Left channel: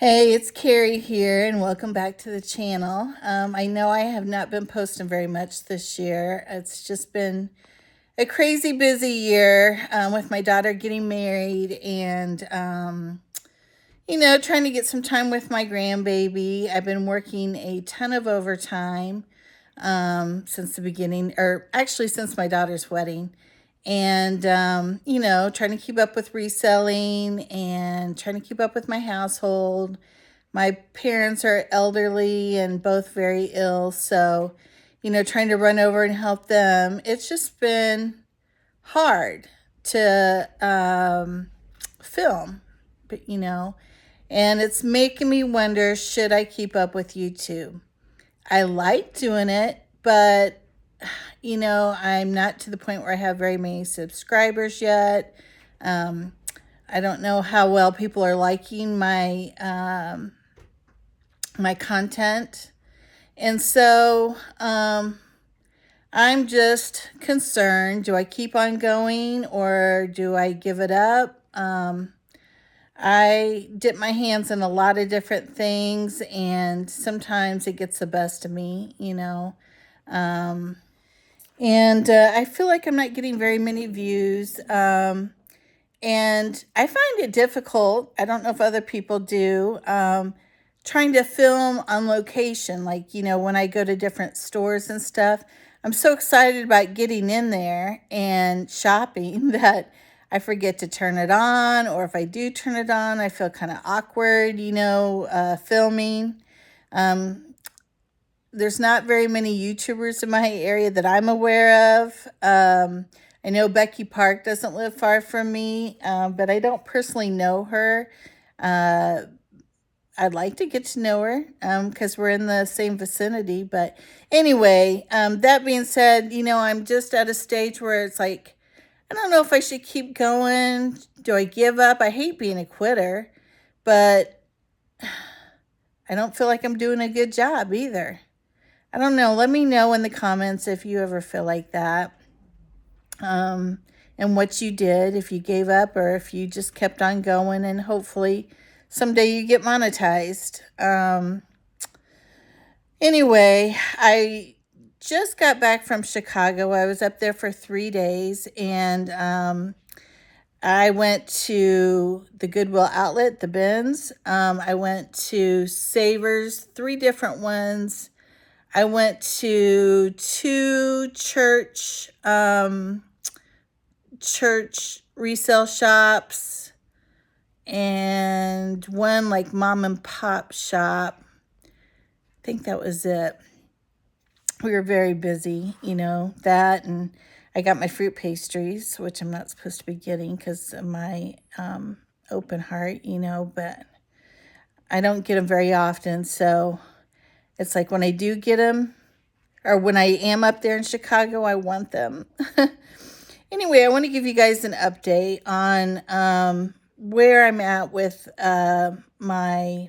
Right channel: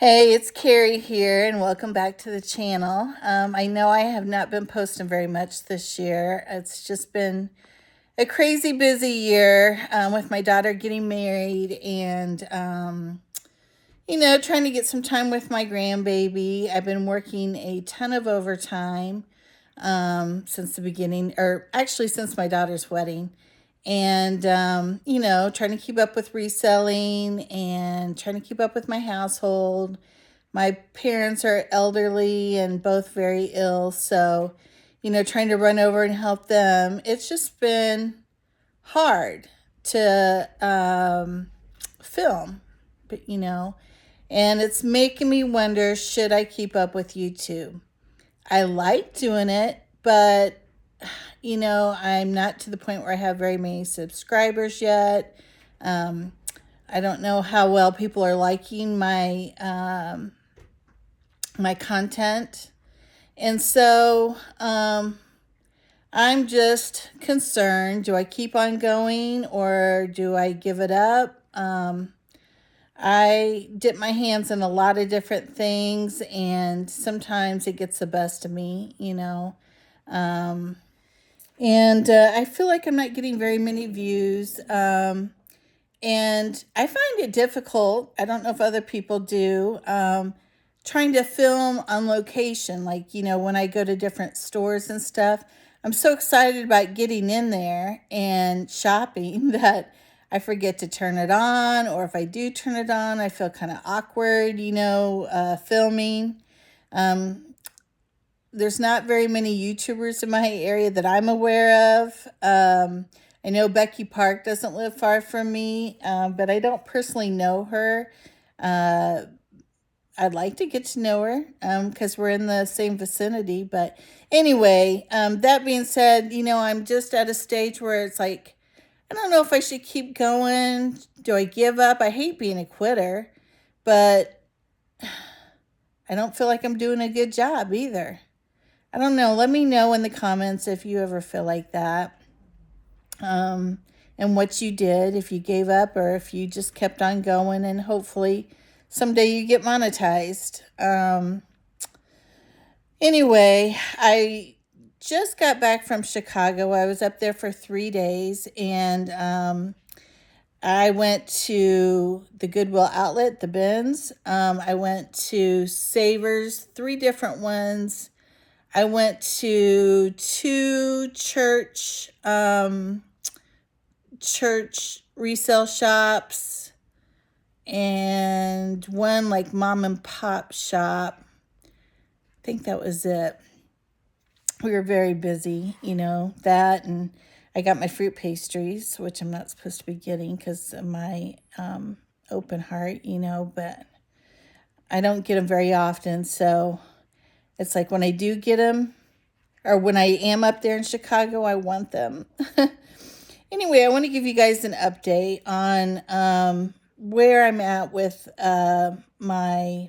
Hey, it's Carrie here, and welcome back to the channel. I know I have not been posting very much this year. It's just been a crazy busy year with my daughter getting married and, trying to get some time with my grandbaby. I've been working a ton of overtime since the beginning, or actually since my daughter's wedding. And, trying to keep up with reselling and trying to keep up with my household. My parents are elderly and both very ill, so, trying to run over and help them. It's just been hard to film, but, and it's making me wonder, should I keep up with YouTube? I like doing it, but I'm not to the point where I have very many subscribers yet. I don't know how well people are liking my content. And so I'm just concerned. Do I keep on going or do I give it up? I dip my hands in a lot of different things, and sometimes it gets the best of me, and I feel like I'm not getting very many views. And I find it difficult. I don't know if other people do. Trying to film on location, like, when I go to different stores and stuff. I'm so excited about getting in there and shopping that I forget to turn it on, or if I do turn it on, I feel kind of awkward, filming. There's not very many YouTubers in my area that I'm aware of. I know Becky Park doesn't live far from me, but I don't personally know her. I'd like to get to know her because we're in the same vicinity. But anyway, that being said, I'm just at a stage where it's like, I don't know if I should keep going. Do I give up? I hate being a quitter, but I don't feel like I'm doing a good job either. I don't know. Let me know in the comments if you ever feel like that. And what you did, if you gave up or if you just kept on going, and hopefully someday you get monetized. Anyway, I just got back from Chicago. I was up there for 3 days, and I went to the Goodwill outlet, the bins. I went to Savers, 3 different ones. I went to 2 church resale shops and 1 like mom and pop shop. I think that was it. We were very busy, that, and I got my fruit pastries, which I'm not supposed to be getting because of my open heart, but I don't get them very often. So it's like when I do get them, or when I am up there in Chicago, I want them. Anyway, I want to give you guys an update on where I'm at with my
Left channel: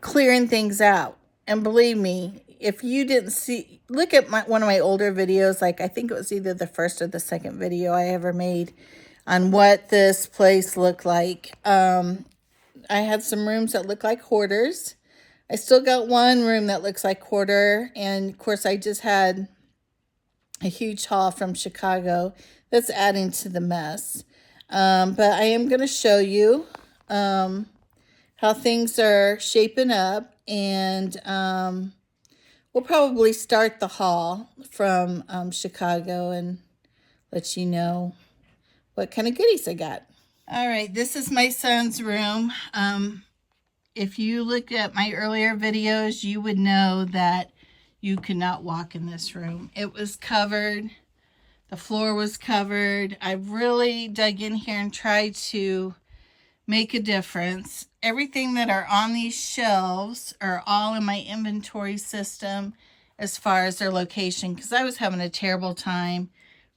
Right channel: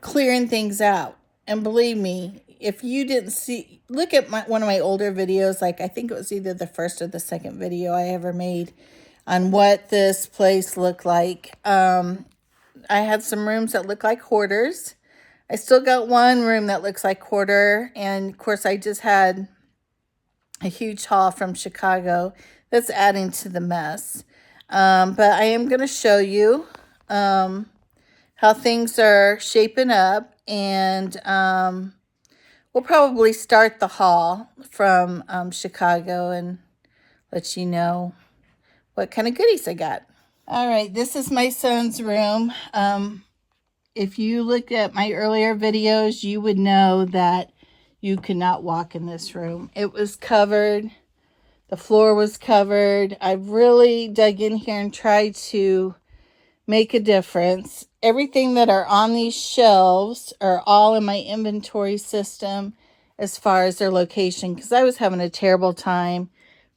clearing things out. And believe me, if you didn't look at one of my older videos, like I think it was either the first or the second video I ever made on what this place looked like. I had some rooms that look like hoarders. I still got one room that looks like hoarder. And of course, I just had a huge haul from Chicago that's adding to the mess. But I am going to show you how things are shaping up, and we'll probably start the haul from Chicago and let you know what kind of goodies I got. All right, this is my son's room. If you looked at my earlier videos, you would know that you could not walk in this room. It was covered. The floor was covered. I really dug in here and tried to make a difference. Everything that are on these shelves are all in my inventory system as far as their location, because I was having a terrible time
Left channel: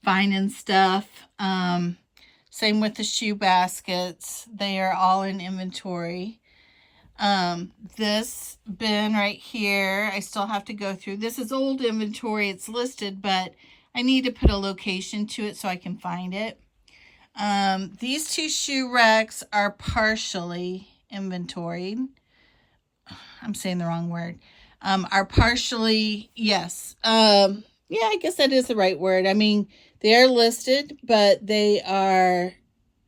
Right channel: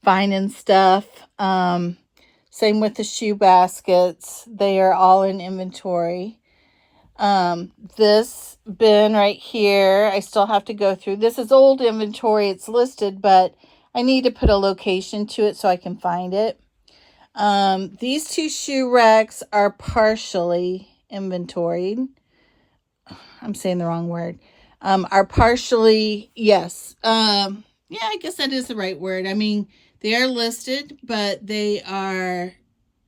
finding stuff. Same with the shoe baskets. They are all in inventory. This bin right here, I still have to go through. This is old inventory. It's listed, but I need to put a location to it so I can find it. These two shoe racks are partially inventoried. I'm saying the wrong word. Are partially, yes. Yeah, I guess that is the right word. I mean, they are listed, but they are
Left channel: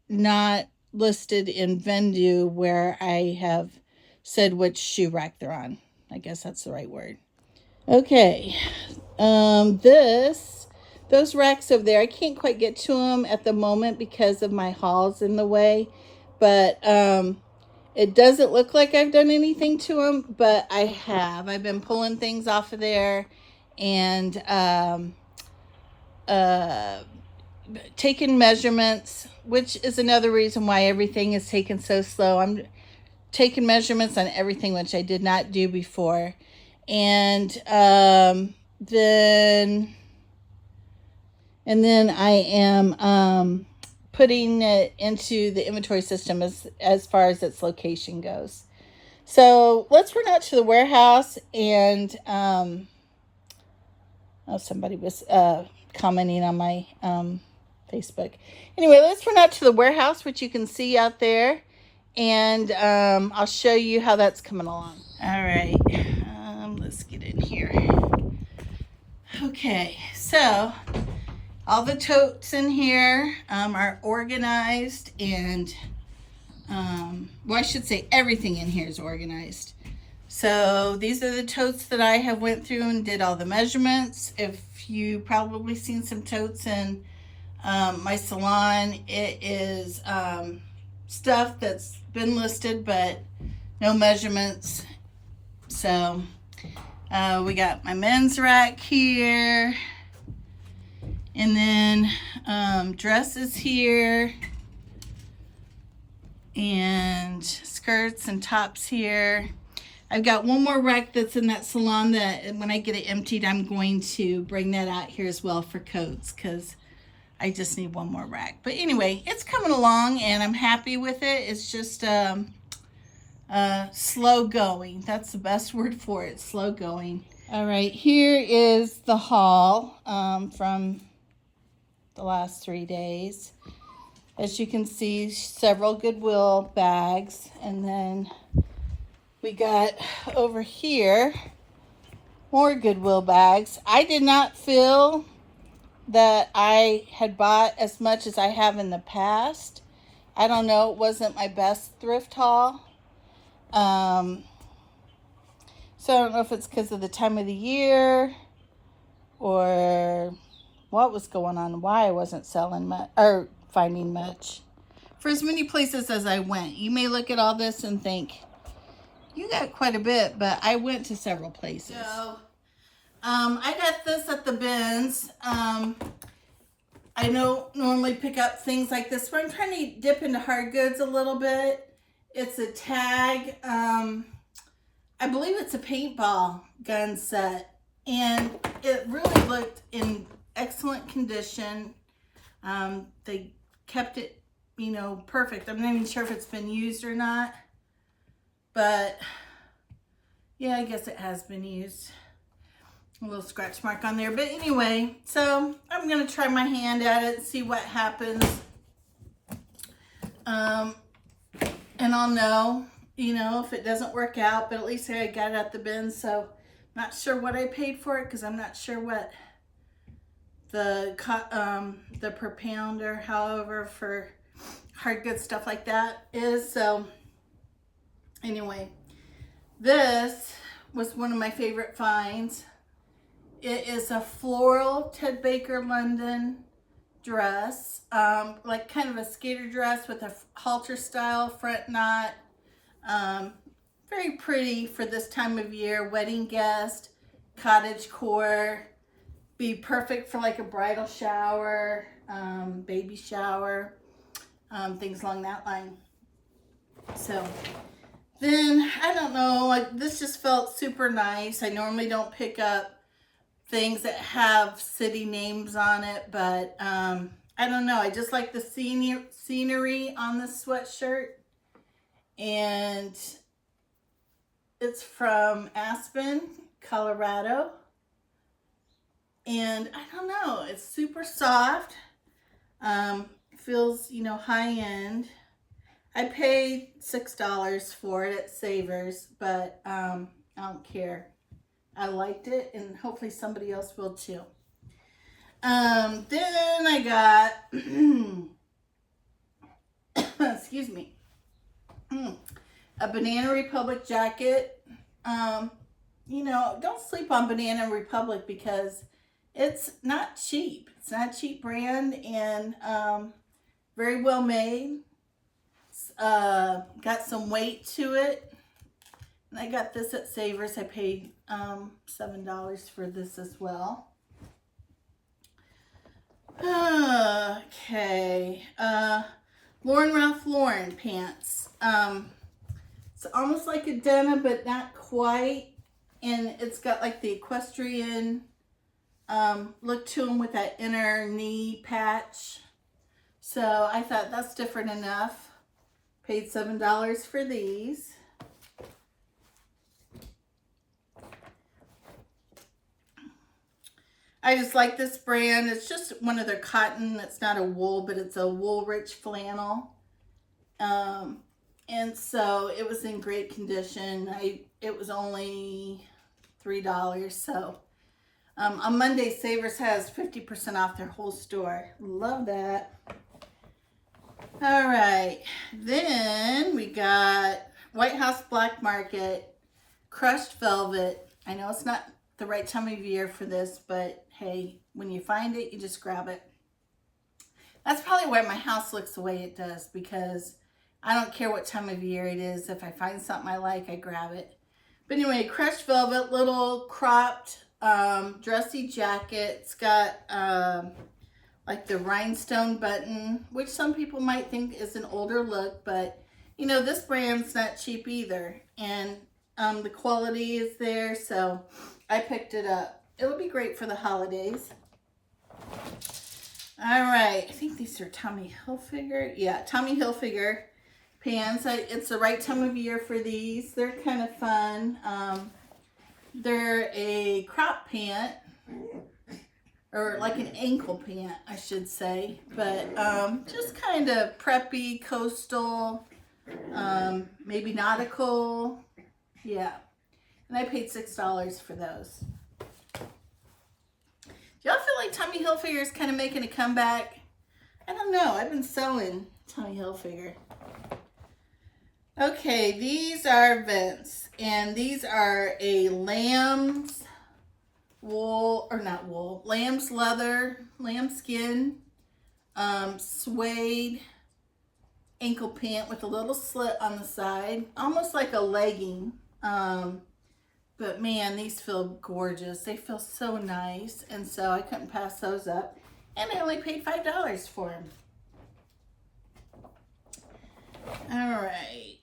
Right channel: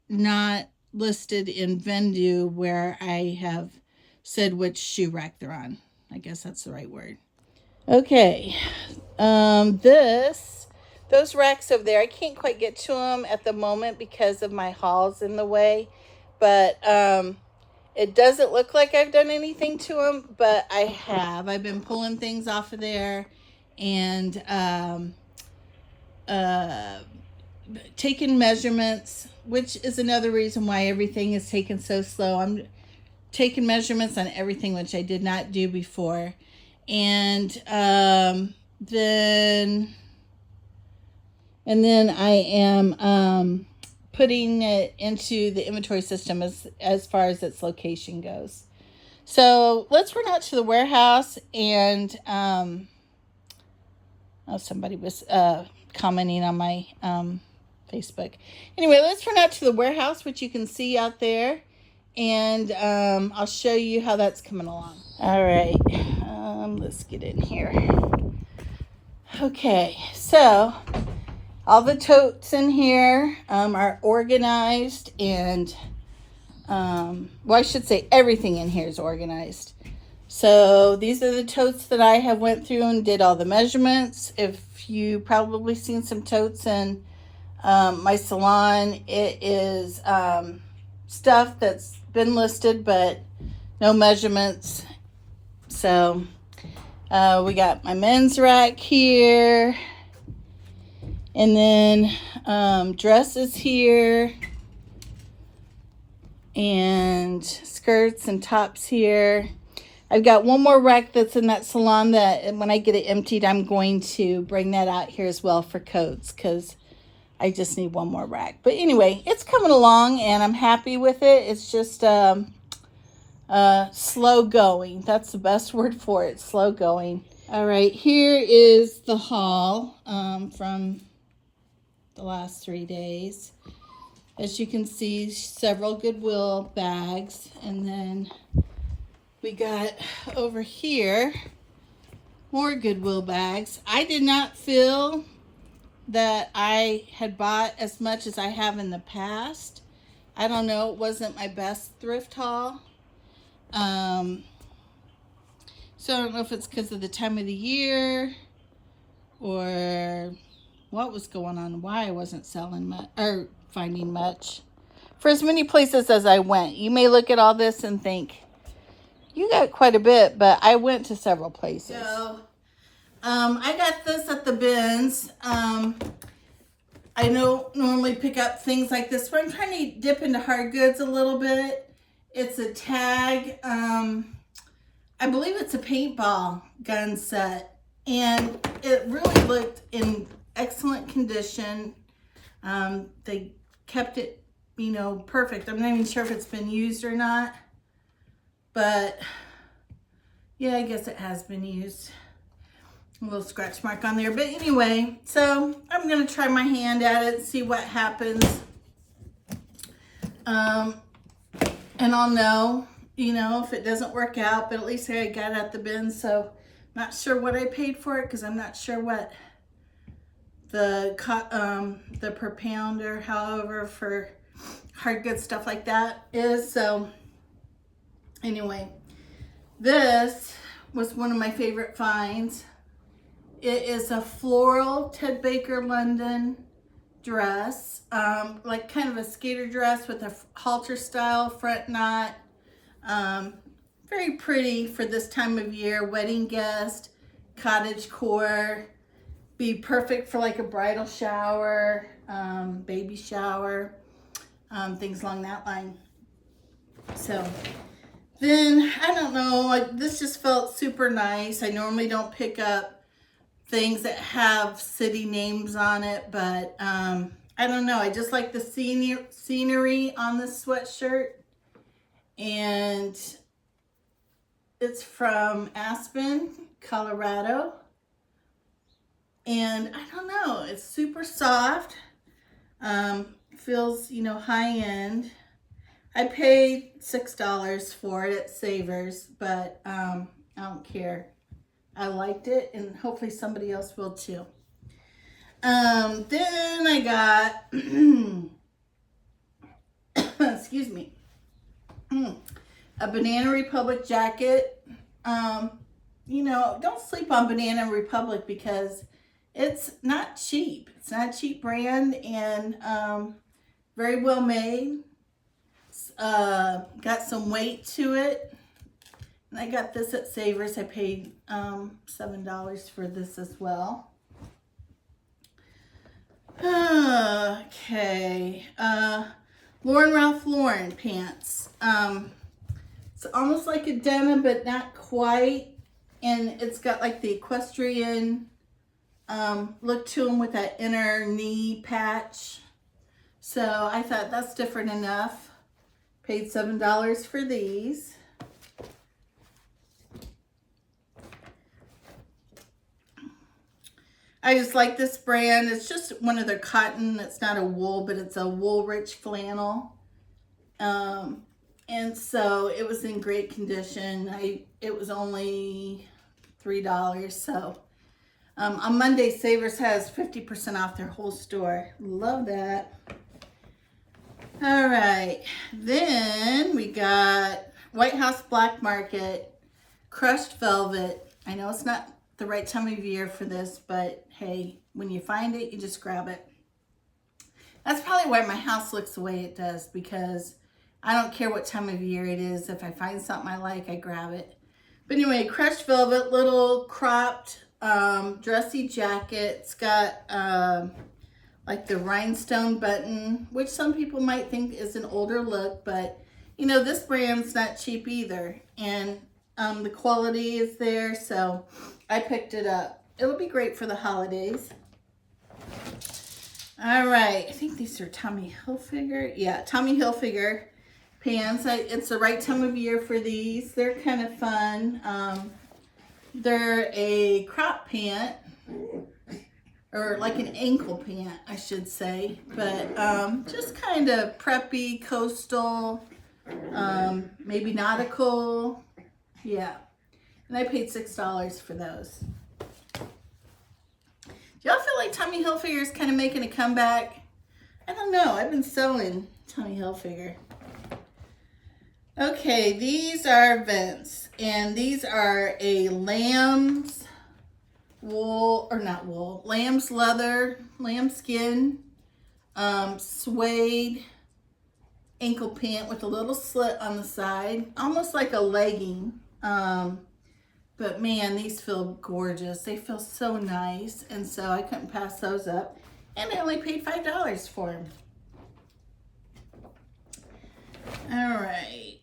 not listed in Vendu where I have said which shoe rack they're on. I guess that's the right word. Okay. Those racks over there, I can't quite get to them at the moment because of my hauls in the way, but it doesn't look like I've done anything to them, but I have. I've been pulling things off of there and taking measurements, which is another reason why everything is taken so slow. I'm taking measurements on everything, which I did not do before. And then I am putting it into the inventory system as far as its location goes. So let's run out to the warehouse and somebody was commenting on my Facebook. Anyway, let's run out to the warehouse, which you can see out there, and I'll show you how that's coming along. All right, let's get in here. Okay, so all the totes in here are organized, and well, I should say everything in here is organized. So these are the totes that I have went through and did all the measurements. If you probably seen some totes in my salon, it is stuff that's been listed but no measurements. So we got my men's rack here, and then dresses here, and skirts and tops here. I've got one more rack that's in that salon that when I get it emptied, I'm going to bring that out here as well for coats, because I just need one more rack. But anyway, it's coming along and I'm happy with it. It's just slow going. That's the best word for it, slow going. All right, here is the haul from the last 3 days. As you can see, several Goodwill bags, and then we got over here more Goodwill bags. I did not feel that I had bought as much as I have in the past. I don't know, it wasn't my best thrift haul. So I don't know if it's because of the time of the year or what was going on, why I wasn't selling much or finding much. For as many places as I went, you may look at all this and think, you got quite a bit, but I went to several places. So, I got this at the bins. I don't normally pick up things like this, but I'm trying to dip into hard goods a little bit. It's a tag. I believe it's a paintball gun set, and it really looked in excellent condition. They kept it, you know, perfect. I'm not even sure if it's been used or not, but yeah, I guess it has been used. A little scratch mark on there, but anyway, so I'm gonna try my hand at it and see what happens. And I'll know, you know, if it doesn't work out, but at least I got it at the bin. So not sure what I paid for it, because I'm not sure what the per pound or however for hard goods stuff like that is. So anyway, this was one of my favorite finds. It is a floral Ted Baker London dress, like kind of a skater dress with a halter style front knot. Very pretty for this time of year. Wedding guest, cottage core. Be perfect for like a bridal shower, baby shower, things along that line. So then, I don't know, like this just felt super nice. I normally don't pick up things that have city names on it, but I don't know. I just like the scenery on this sweatshirt, and it's from Aspen, Colorado, and I don't know. It's super soft. feels, you know, high end. I paid $6 for it at Savers, but I don't care. I liked it, and hopefully somebody else will too. Then I got, excuse me, a Banana Republic jacket. You know, don't sleep on Banana Republic because it's not cheap. It's not a cheap brand, and very well made. Got some weight to it. And I got this at Savers. I paid $7 for this as well. Okay. Lauren Ralph Lauren pants. It's almost like a denim, but not quite. And it's got like the equestrian look to them with that inner knee patch. So I thought that's different enough. Paid $7 for these. I just like this brand. It's just one of their cotton. It's not a wool, but it's a wool rich flannel. And so it was in great condition. It was only $3. So on Monday, Savers has 50% off their whole store. Love that. All right. Then we got White House Black Market crushed velvet. I know it's not the right time of year for this, but hey, when you find it, you just grab it. That's probably why my house looks the way it does, because I don't care what time of year it is. If I find something I like, I grab it. But anyway, crushed velvet, little cropped dressy jacket. It's got like the rhinestone button, which some people might think is an older look, but you know, this brand's not cheap either. And the quality is there, so I picked it up. It'll be great for the holidays. All right, I think these are Tommy Hilfiger. Yeah, Tommy Hilfiger pants. It's the right time of year for these. They're kind of fun. They're a crop pant, or like an ankle pant, I should say. But just kind of preppy, coastal, maybe nautical. Yeah. And I paid $6 for those. Do y'all feel like Tommy Hilfiger is kind of making a comeback? I don't know. I've been sewing Tommy Hilfiger. Okay, these are Vince. And these are a lamb's wool, or not wool, lamb's leather, lambskin, suede ankle pant with a little slit on the side. Almost like a legging. But man, these feel gorgeous. They feel so nice. And so I couldn't pass those up. And I only paid $5 for them. All right.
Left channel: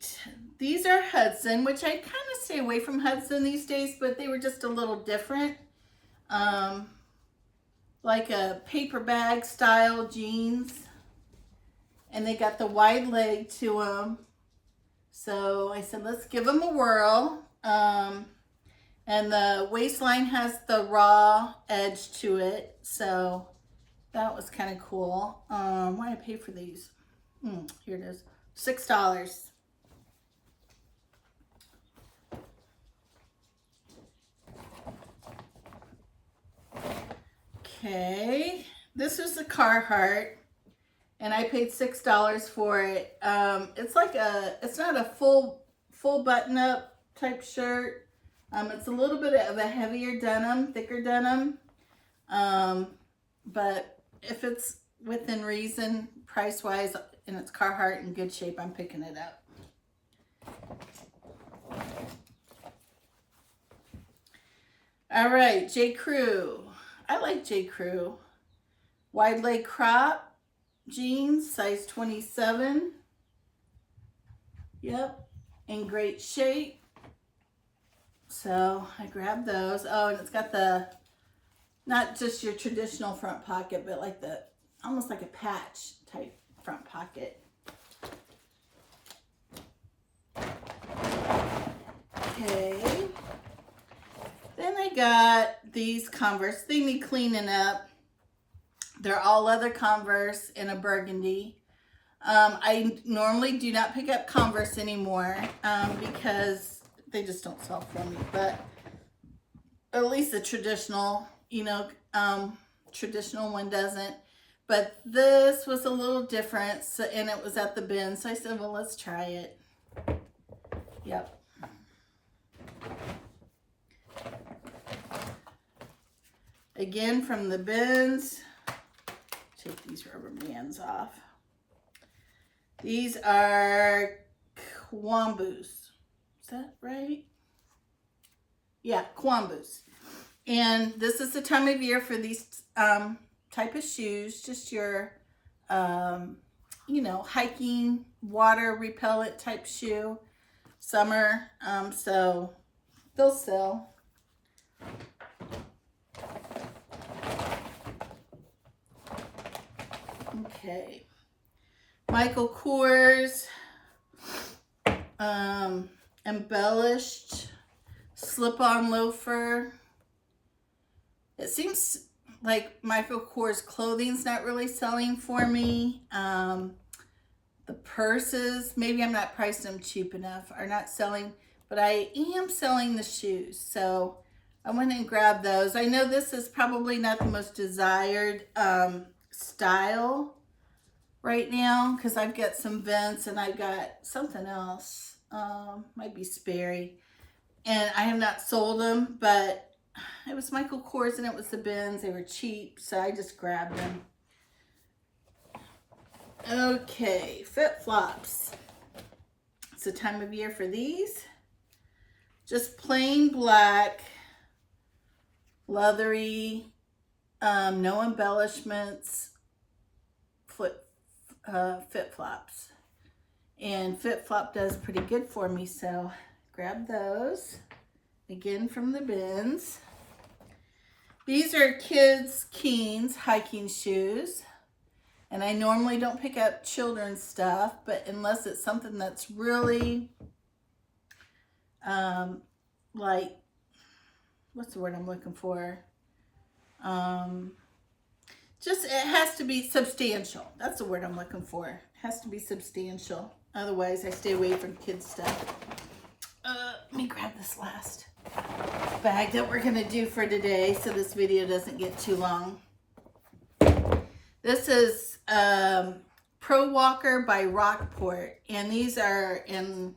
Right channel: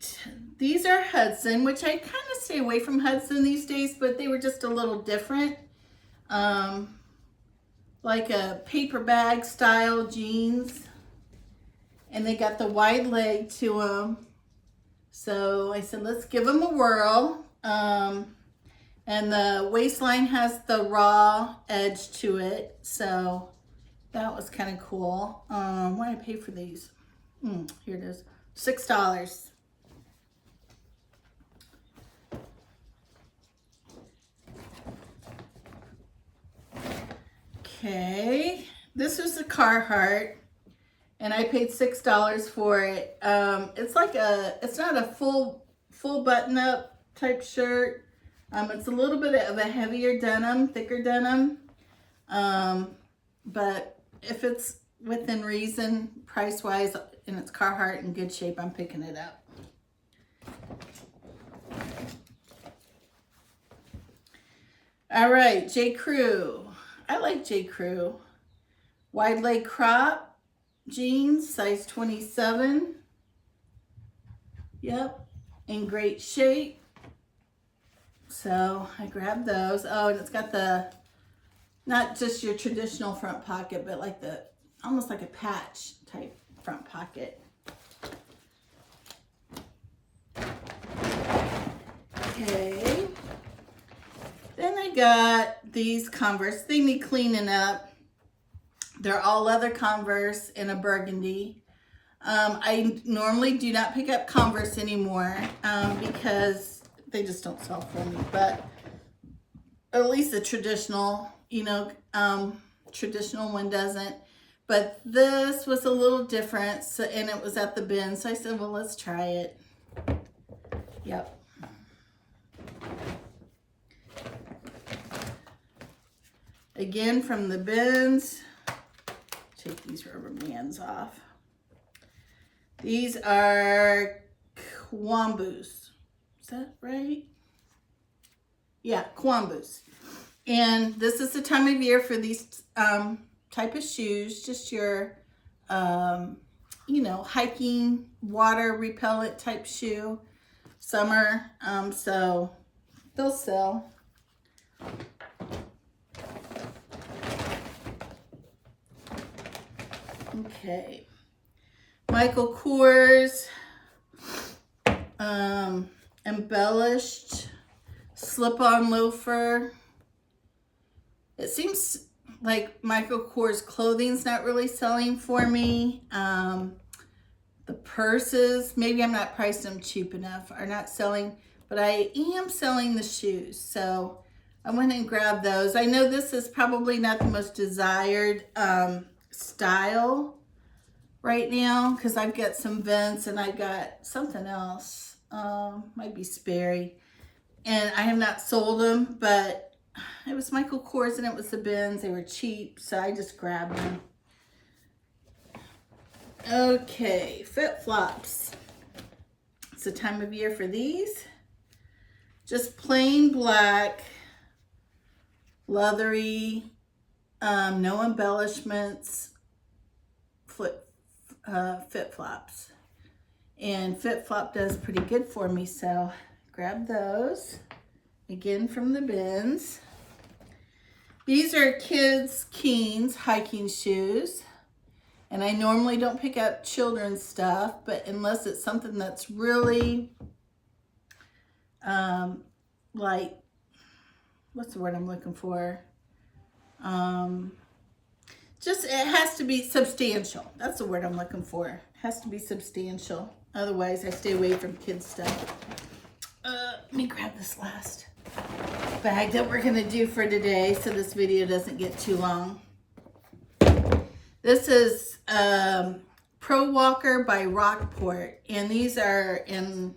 These are Hudson, which I kind of stay away from Hudson these days, but they were just a little different. Like a paper bag style jeans. And they got the wide leg to them. So I said, let's give them a whirl. And the waistline has the raw edge to it. So that was kind of cool. What did I pay for these? Here it is. $6. Okay. This was the Carhartt. And I paid $6 for it. It's like it's not a full button up type shirt. It's a little bit of a heavier denim, thicker denim. But if it's within reason, price-wise, and it's Carhartt in good shape, I'm picking it up. All right, J. Crew. I like J. Crew. Wide leg crop jeans, size 27. Yep, in great shape. So I grabbed those. Oh, and it's got the, not just your traditional front pocket, but like the, almost like a patch type front pocket. Okay. Then I got these Converse. They need cleaning up, They're all leather Converse in a burgundy. I normally do not pick up Converse anymore because they just don't sell for me, but at least the traditional, you know, traditional one doesn't. But this was a little different, so, and it was at the bin, so I said, well, let's try it. Yep. Again, from the bins. Take these rubber bands off. These are Kwambus. Is that right? Yeah, Kwambus. And this is the time of year for these type of shoes. Just your, you know, hiking, water repellent type shoe. Summer, so they'll sell. Okay. Michael Kors, embellished slip-on loafer. It seems like Michael Kors clothing's not really selling for me. The purses, maybe I'm not pricing them cheap enough, are not selling, but I am selling the shoes. So I went and grabbed those. I know this is probably not the most desired style right now because I've got some Vince and I've got something else. Might be Sperry. And I have not sold them, but it was Michael Kors and it was the bins. They were cheap, so I just grabbed them. Okay, flip-flops. It's the time of year for these. Just plain black, leathery, no embellishments, flip-flops. And flip-flop does pretty good for me, so grab those. Again, from the bins. These are kids' Keens hiking shoes. And I normally don't pick up children's stuff, but unless it's something that's really, like, what's the word I'm looking for? Just, it has to be substantial. That's the word I'm looking for. It has to be substantial. Otherwise, I stay away from kids' stuff. Let me grab this last bag that we're going to do for today so this video doesn't get too long. This is Pro Walker by Rockport, and these are in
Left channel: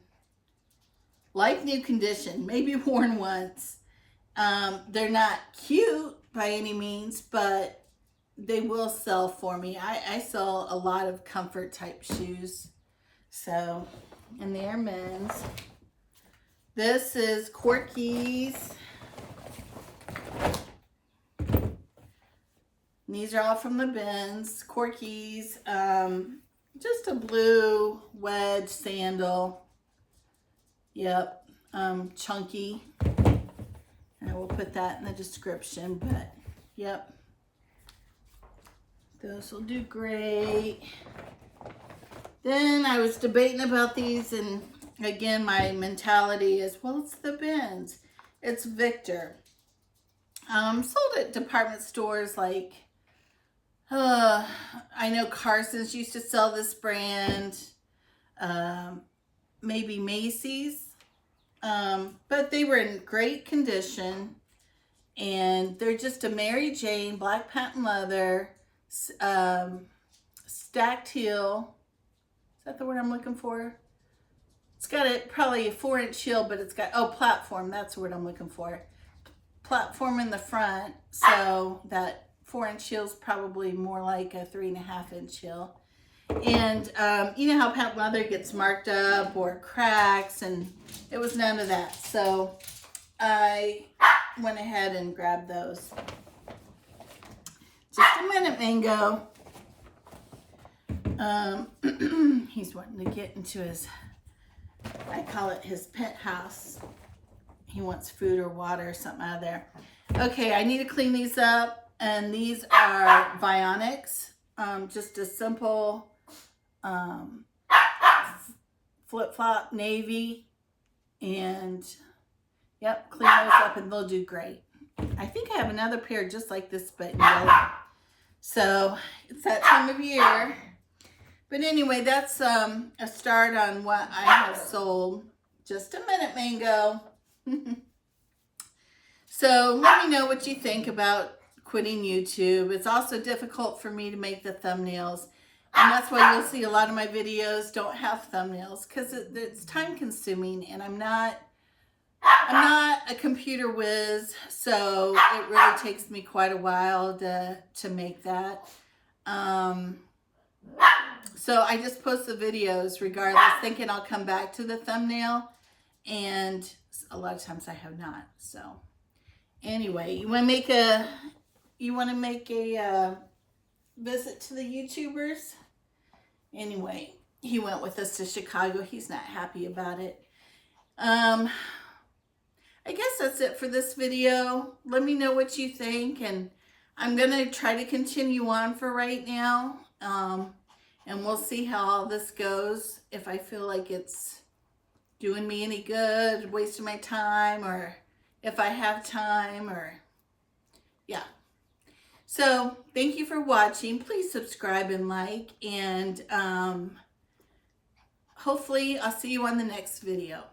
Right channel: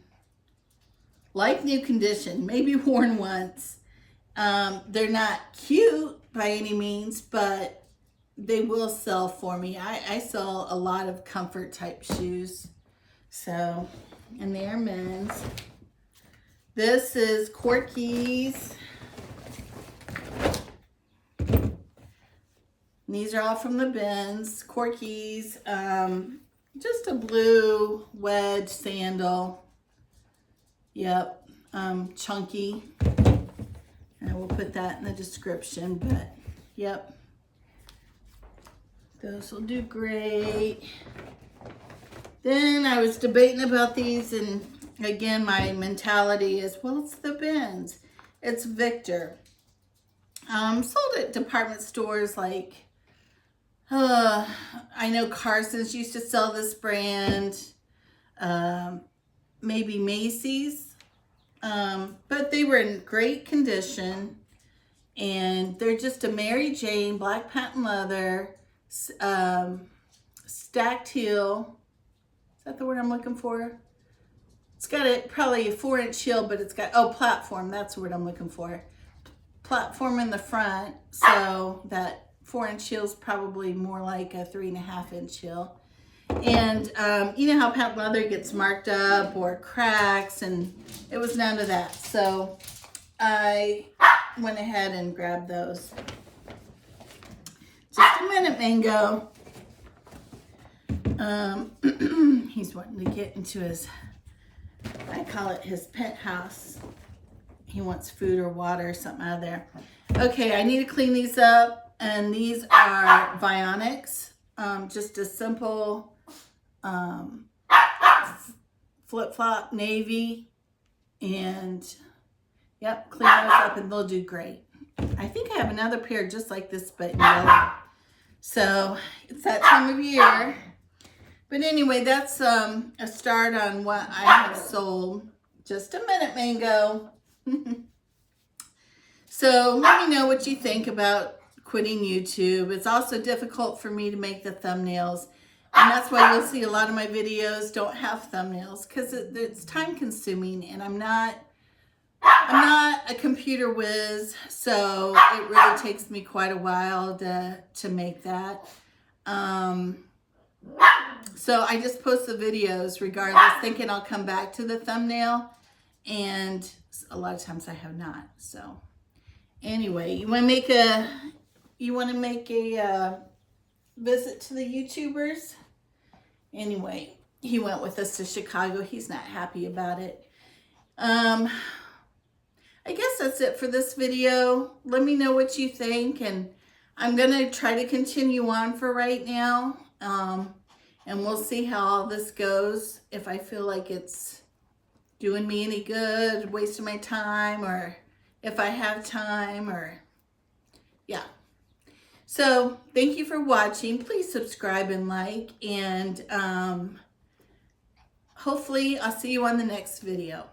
like new condition, maybe worn once. They're not cute by any means, but they will sell for me. I sell a lot of comfort type shoes, so, and they're men's. This is Corky's. These are all from the bins. Corky's, just a blue wedge sandal. Yep, chunky. And I will put that in the description, but yep. Those will do great. Then I was debating about these, and again, my mentality is, well, it's the bins. It's Victor. Sold at department stores like, I know Carson's used to sell this brand, maybe Macy's, but they were in great condition, and they're just a Mary Jane, black patent leather, stacked heel. Is that the word I'm looking for? It's got probably a 4-inch heel, but it's got, platform, that's the word I'm looking for. Platform in the front, so that 4-inch heel is probably more like a 3.5-inch heel. And you know how patent leather gets marked up or cracks, and it was none of that. So I went ahead and grabbed those. Just a minute, Mango. He's wanting to get into his, I call it his penthouse. He wants food or water or something out of there. Okay, I need to clean these up. And these are Vionics, just a simple flip-flop navy. And yep, clean those up and they'll do great. I think I have another pair just like this, but in yellow. So it's that time of year. But anyway, that's a start on what I have sold. Just a minute, Mango. So let me know what you think about quitting YouTube. It's also difficult for me to make the thumbnails. And that's why you'll see a lot of my videos don't have thumbnails, because it's time consuming, and I'm not a computer whiz, so it really takes me quite a while to make that. So I just post the videos regardless, thinking I'll come back to the thumbnail, and a lot of times I have not. So anyway, you want to make a visit to the YouTubers? Anyway, he went with us to Chicago. He's not happy about it. I guess that's it for this video. Let me know what you think, and I'm gonna try to continue on for right now. And we'll see how all this goes. If I feel like it's doing me any good, wasting my time, or if I have time, or yeah. So thank you for watching. Please subscribe and like, and hopefully I'll see you on the next video.